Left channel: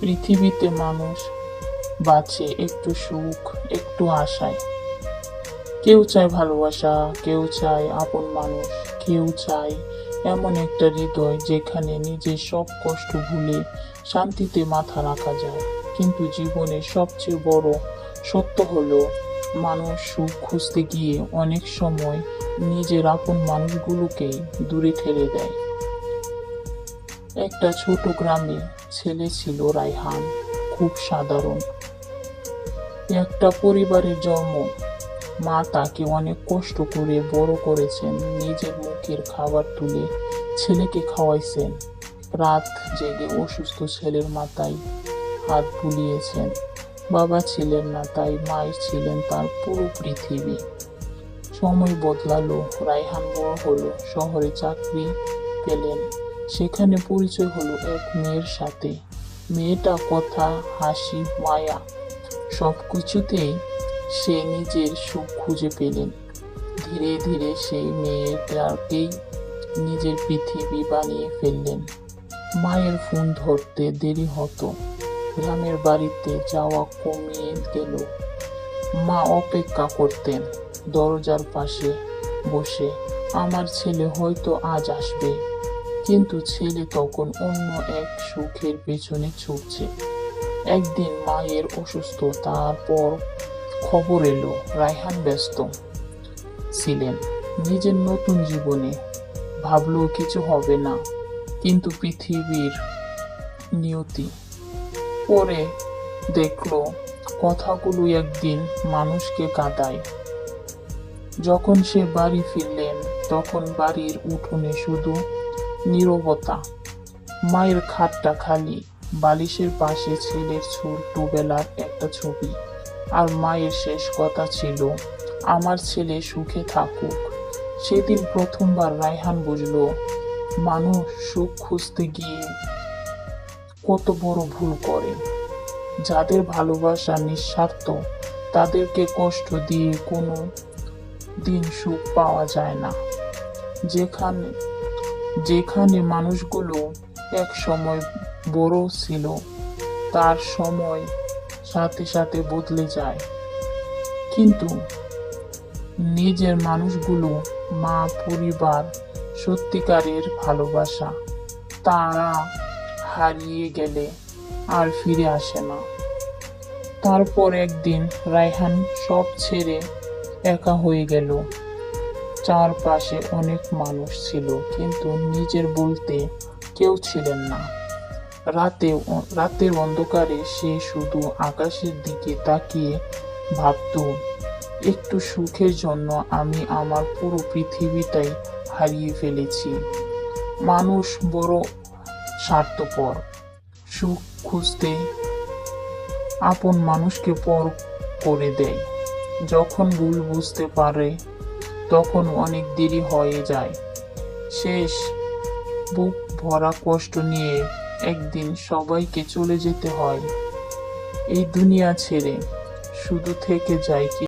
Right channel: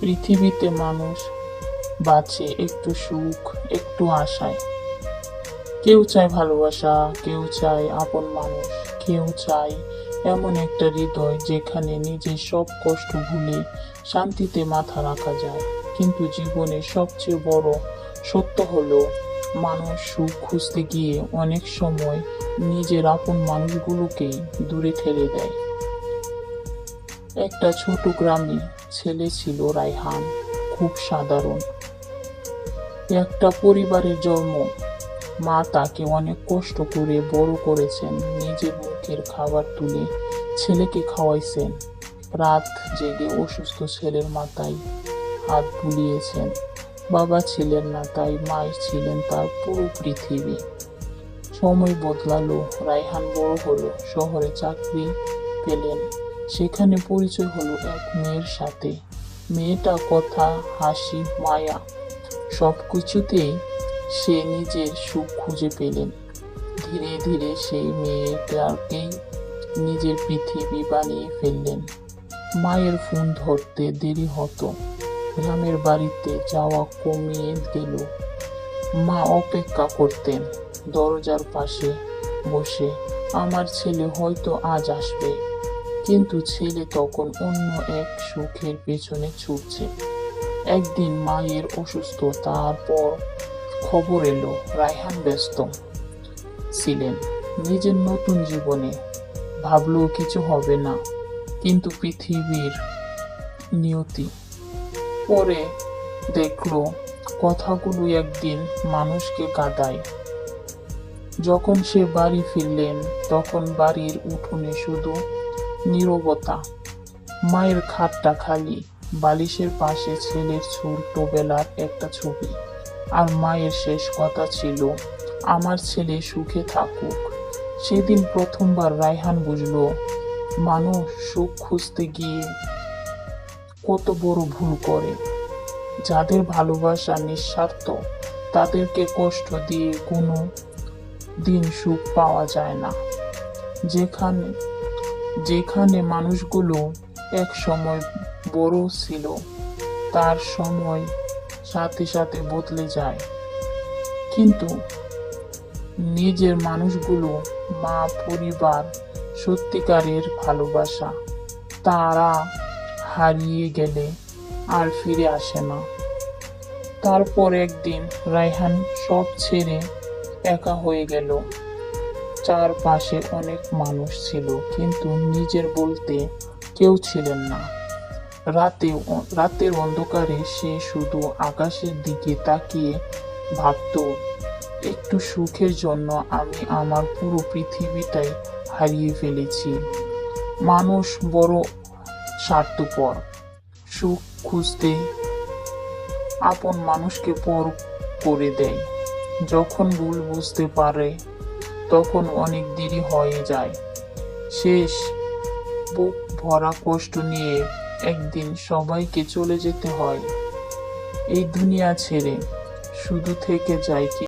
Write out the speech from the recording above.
পৃথিবীতে মানুষ বাঁচে একটু সুখ, একটু আশায়। কেউ চায় ভালোবাসা, কেউ চায় আপন মানুষ, কেউ চায় এমন একটা হৃদয় যেখানে নিজের সব কষ্ট ভুলে শান্তিতে মাথা রাখা যায়। কিন্তু জীবনের সবচেয়ে বড় সত্য হলো, মানুষ সুখ খুঁজতে গিয়ে অনেক সময় নিজের আপন মানুষগুলোকে দূরে ঠেলে দেয়। একটা ছোট গ্রামে ছেলে ছিল রায়হান। খুব সাধারণ একটা পরিবারের জন্ম। মা তাকে অনেক কষ্ট করে বড় করেছেন, নিজের মুখের খাবার তুলে ছেলেকে খাওয়াইছেন। রাত জেগে অসুস্থ ছেলের মাথায় হাত বুলিয়েছেন। বাবা ছিলেন না, তাই মাই ছিলেন তার পুরো পৃথিবী। সময় বদলালো, রায়হান বড় হলো, শহরে চাকরি পেলেন। সেখানে পরিচয় হলো এক মেয়ের সাথে। মেয়েটা কথা, হাসি, মায়া সবকিছুতেই সে নিজের সুখ খুঁজে পেলেন। ধীরে ধীরে সেই মেয়েটাকেই নিজের পৃথিবী বানিয়ে ফেললেন। মায়ের ফোন ধরতে দেরি হতো, গ্রামের বাড়িতে যাওয়া কমিয়ে গেল। মা অপেক্ষা করতেন দরজার পাশে বসে, আমার ছেলে হয়তো আজ আসবে। কিন্তু ছেলে তখন অন্য এক সুখের পেছনে ছুটছে। একদিন মায়ের অসুস্থ, তারপর খবর এলো রায়হান ব্যস্ত ছিলেন নিজের নতুন জীবনে। ভাবলো কিছু হবে না, কিন্তু পৃথিবীর নিয়তি। পরে দেখলো কথাগুলো একদিন মানুষকে কাঁদায়। যখন সে বাড়ি ফিরলেন, তখন বাড়ির উঠোনে শুধু নীরবতা। মায়ের খাটটা খালি, বালিশের পাশে ছেলের ছোটবেলার একটা ছবি। আর মায়ের শেষ কথা ছিল, আমার ছেলে সুখে থাকুক। সেদিন প্রথমবার রায়হান বুঝলো, মানুষ সুখ খুঁজতে গিয়ে কত বড় ভুল করে। যাদের ভালোবাসা নিঃস্বার্থ, তাদেরকে কষ্ট দিয়ে কোনো দিন সুখ পাওয়া যায় না। যেখানে যেখানে মানুষগুলো এক সময় বড় ছিল, তার সময় সাথে সাথে বদলে যায়। কিন্তু নিজের মানুষগুলো, মা, পরিবার, সত্যিকারের ভালোবাসা, তারা হারিয়ে গেলে আর ফিরে আসে না। তারপর একদিন রায়হান সব ছেড়ে একা হয়ে গেল। চারপাশে অনেক মানুষ ছিল, কিন্তু নিজের বলতে কেউ ছিলেন না। রাতের অন্ধকারে সে শুধু আকাশের দিকে তাকিয়ে ভাবতো, একটু সুখের জন্য আমি আমার পুরো পৃথিবীটাই হারিয়ে ফেলেছি। মানুষ বড় স্বার্থপর, সুখ খুঁজতে আপন মানুষকে পর করে দেয়। যখন ভুল বুঝতে পারে, তখন অনেক দেরি হয়ে যায়। শেষ বুক ভরা কষ্ট নিয়ে একদিন সবাইকে চলে যেতে হয় এই দুনিয়া ছেড়ে। শুধু থেকে যায় কি